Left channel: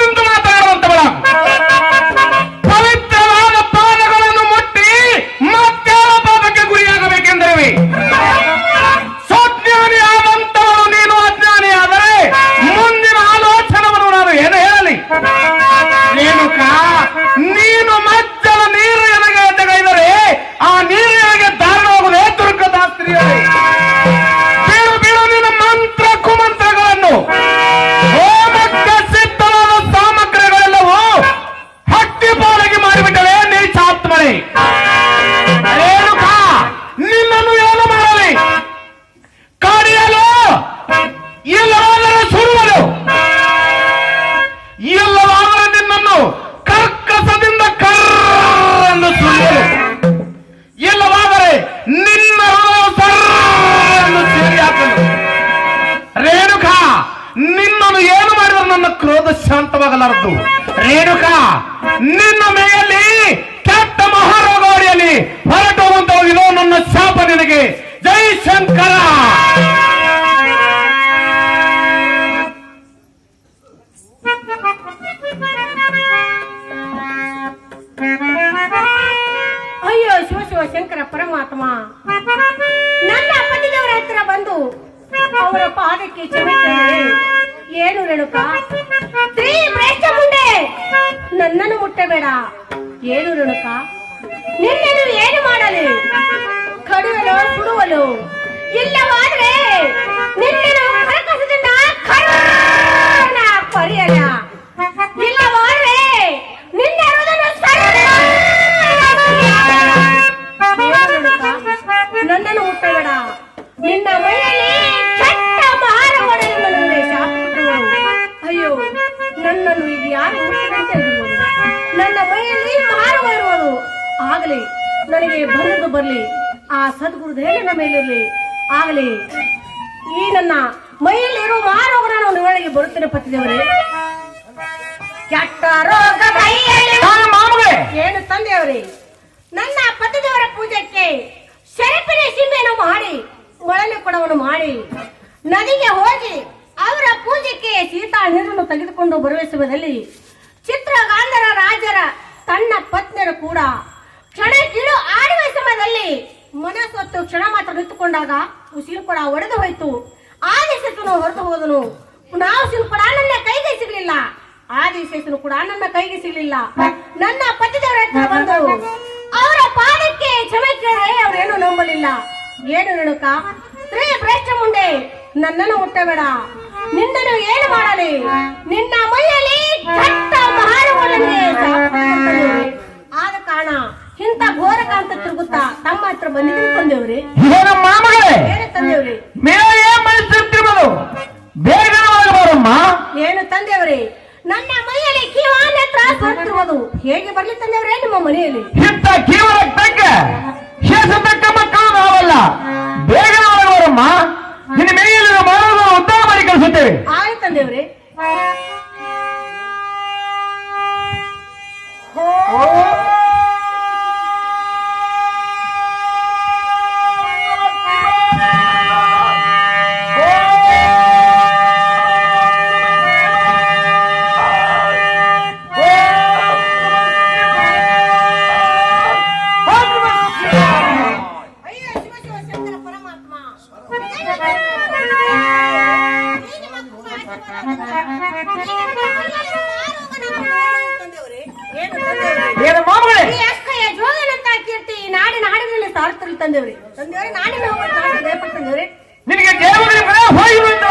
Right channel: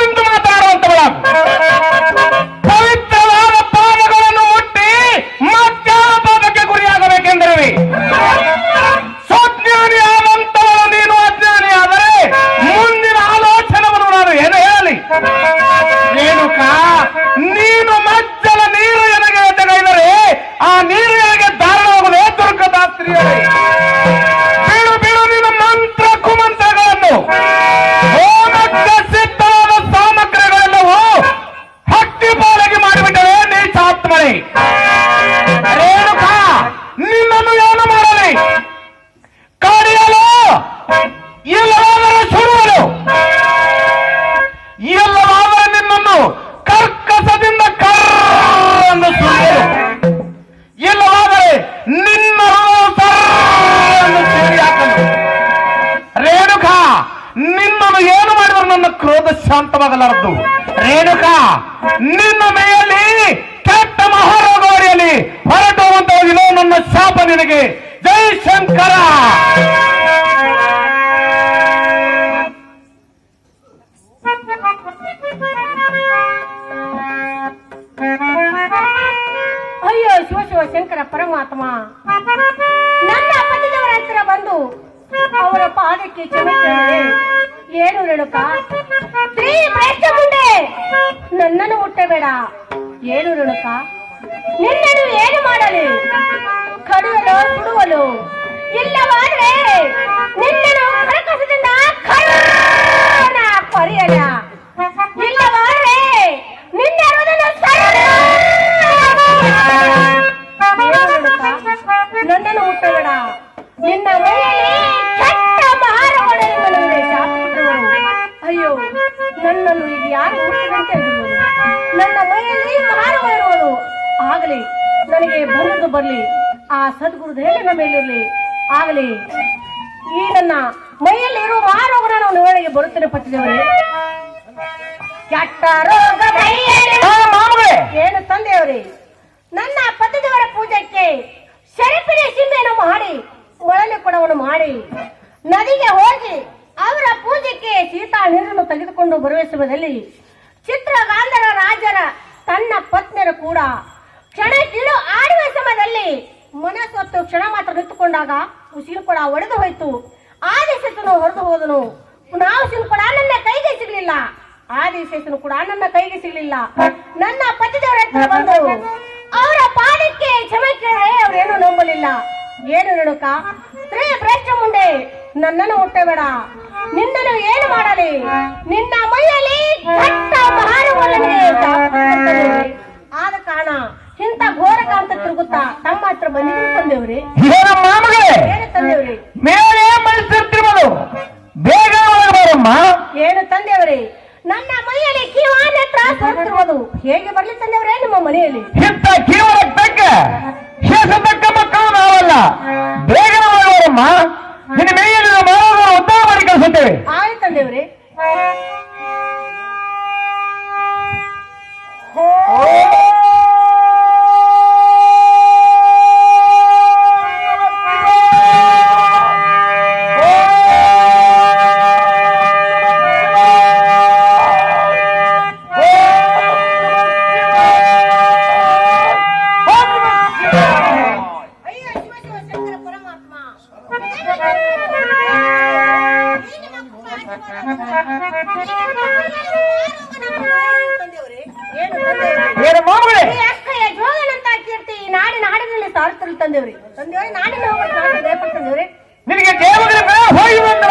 ನಿಂತು ಮಾತಾಡುವಂತವಳ ಪವಿತ್ರವಾದ ಪಾದಗಳನ್ನು ಮುಟ್ಟಿ ಮತ್ಯಾವ ಪಾದಕ್ಕೆ ಗುರಿಯಾಗಬೇಕೆಂದರೆ ಸ್ವಜ್ಞಾನಿ ಆದಂತವಳು ನೀನು ಅಜ್ಞಾನಿ ಆದರೆ ಮುಂದಿನ ಆಲೋಚನೆಯನ್ನು ನಾನು ಏನು ಹೇಳಲಿ? ರೇಣುಕಾ, ನೀನು ಮಜ್ಜಲ ನೀರು ಎನಗೆ ಎದ್ದಗೈದರೆ ಆ ನೀರಿಗೆ ಧಾರಣ ಹೋಗುವುದೇ ದುರ್ಗದ ಸ್ತ್ರೀಯರೇ. ಬೀಳು ಬೀಳು ನಿನ್ನ ಮಂತ್ರ ಕುಮಂತ್ರಗಳನ್ನು, ಹೋಮಕ್ಕೆ ಸಿದ್ಧವಾದ ಸಾಮಗ್ರಿಗಳೆಲ್ಲವೂ ಹಕ್ಕಿ ಪಾಲಗಿ ಮಾಡಿಬಿಟ್ಟರೆ ನೀಚಾತ್ಮನೆ. ರೇಣುಕಾ, ನಿನ್ನನ್ನು ಏನು ಮಾಡಲಿ? ಕಡಿಯಲು, ಇಲ್ಲವಾದರೆ ಸುಡುವನು, ಇಲ್ಲವಾದರೆ ನಿನ್ನನ್ನು ಕರ್ಕಸದಿಂದ ಕರ್ರನ್ನು ಸುರಿಯಲು, ಇಲ್ಲವಾದರೆ ನಿನ್ನ ಸರ್ರನ್ನು ಸೂರಿ ಹಾಕಲು. ರೇಣುಕಾ, ನಿನ್ನನ್ನು ಏನು ಮಾಡಿದ್ರು ನನ್ನ ಕ್ರೋಧ ಶಾಂತವಾಗಲಾರದು. ರೇಣುಕಾ, ನಿನ್ನ ಮೇಯಲ್ಲಿ ಕೆಟ್ಟ ಮಹಾರೋಗವರಿಯಲ್ಲಿ ಹೊರಟು ಹೋಗುವಂತ ಹೋಗಿಲ್ಲ ನನ್ನ ಶಾಪ ನಿನಗೆ. ಜೈ ಶಂಕರ. ಅಯ್ಯೋ ಶಿವ ಶಿವ ಶಂಕರ ಪರಮಾತ್ಮ, ನನ್ನ ಪತಿದವರ ಹತ್ರ ಬಂದು ಅವರ ಪಾದಕ್ಕೆ ಕ್ಷಮೆ ಕೇಳಿ. ಏನು ರೇಣುಕಾ, ಸ್ತ್ರೀ ಭ್ರಷ್ಟ ಮುಂಡೆ, ನನ್ನನ್ನು ಮುಟ್ಟಬೇಡ. ಏನು ರೇಣುಕಾ, ನಿನ್ನನ್ನು ಏನು ಮಾಡಲಿ? ಕಡಿಯಲು ಸುಡುವಲು, ಇಲ್ಲವಾದ್ರೆ ನಿನ್ನನ್ನು ಕರಕಸದಿಂದ ಪರಿಯಲ್ಲ, ಇಲ್ಲವಾದ್ರೆ ನಿನ್ನ ನನ್ನನ್ನು ಮುಟ್ಟಬೇಡ. ನಿನ್ನ ಮೈಯಲ್ಲಿ ಕೆಟ್ಟ ಮಹಾರಗಳನ್ನು ಶಾಪಿಟ್ಟವರು. ಅಯ್ಯೋ, ನನ್ನನ್ನು ಈಗ ಯಾರು ಮುಟ್ಟಿದಂತೆ ಇರುವುದು? ನನ್ನ ಮೈಯಲ್ಲಿ ಮಹಾರವ ಇರುವುದು. ಆಗಲಿ, ನನಗೆ ಬಂದದ್ದು ಬರಲಿ, ಆ ಸದ್ಗುರು ದೇವನ ಮೇಲಿರಲಿ. ಆಗಲಿ, ಈ ನನ್ನ ಮೈಯಲ್ಲಿ ಇರುವ ಮಹಾರೋಗನ ನಾನು ಒಳಗೆ ಬರುತ್ತೇನೆ. ಪತಿದೇವರೇ, ಕೆಟ್ಟ ರೋಗ ಏನು ತಂದೆಯವರೇ, ನನ್ನ ಪತಿದೇವರ ಪೂಜೆಗೆ ಶರಪಿನ ಸೀಮೆಯನ್ನು ಮಾಡಿ ಮೊಳನೆ ಕೊಡವನ್ನು ಮಾಡಿ ನದಿಗೆ ಹೋಗಿ ಅವರ ಪೂಜೆಗೆ ಸೀತಾ ನೀರನ್ನು ತೆಗೆದುಕೊಂಡು ಬರುವ ಸಮಯದಲ್ಲಿ ಚಿತ್ರಗಾಂಧರ ರಾಜರ ತನ್ನ ಪತ್ನಿಯರು ಕೂಡ ಕ್ಷಣ ಕೀಳು ಆಡುವ ಸಮಯದಲ್ಲಿ ಮನಸ್ಸೊತ್ತು ಕ್ಷಣ ಮಾತ್ರ ನಿಂತುಕೊಂಡಾಗ ಉಸಿರು ಕೂಡ ಒಡೆದು ಹೋಯ್ತು. ಆದಿಶೇಷನು ಹೊರಟು ಹೋದನು. ನಾವು ಕೂಡ ನನ್ನ ಕೈಗೆ ಸಿಗಲಿಲ್ಲ. ಆದಿಶೇಷನು ಕೂಡ ನನ್ನ ಕೈಗೆ ಸಿಗಲಿಲ್ಲ. ನನ್ನ ಪತಿದೇವರ ಹತ್ರ ಬಂದು ಅವರ ಪಾದಕ್ಕೆ ಕ್ಷಮೆ ಕೇಳಿದ್ರೆ ಅವರೇನು ನಂಬಲಿಲ್ಲ. ಏನು ರೇಣುಕಾ, ಸ್ತ್ರೀ ಭ್ರಷ್ಟ ಮುಂಡೆ, ನನ್ನನ್ನು ಮುಟ್ಟಬೇಡ. ನಿನ್ನನ್ನು ಏನು ಮಾಡಲಿ? ನಿನ್ನ ಮೈಯಲ್ಲಿ ಕೆಟ್ಟ ಮಹಾನುಭಾವನೆ ಆದ ಕಾರಣ ಇಂಥ ಘೋರಕಾಂತ ತಿರುಗುತ್ತಾ ತಮ್ಮ ಹತ್ರ ಬಂದಿದ್ದು ತಂದೇವ್ರಿ. ಏನು ತಂದೇವ್ರಿ? ಏನು ತಂದೇವ್ರಿ? ನನ್ನ ಮೈಯಲ್ಲಿ ಕೀವಾನ ತ್ರಾಸ ಬರ್ತಿರುವುದು. ಹೇಗೆ ಬರ್ಲಿ ತಂದೇವ್ರೆ ನಿಮ್ಮ ಮನೆಯಲ್ಲಿ? ಇಂಥ ಕೀವನ ತಕ್ಕ ಶೇಷತಕ್ಕ ಮಕ್ಕಳು ನಾವಲ್ಲ. ಬೇಗ ಬರಮ್ಮ, ನಿನ್ನ ಮೇಲಿನ ಮಾನವ ಉದ್ಧಾರ ಮಾಡಿ ಕಳಿಸುತ್ತೇವೆ. ಆಯ್ತು ತಂದೇವ್ರಿ. ನಿನಗೆ ದೇವರಿಗೆ ಹೋಗಿ ಬಂದ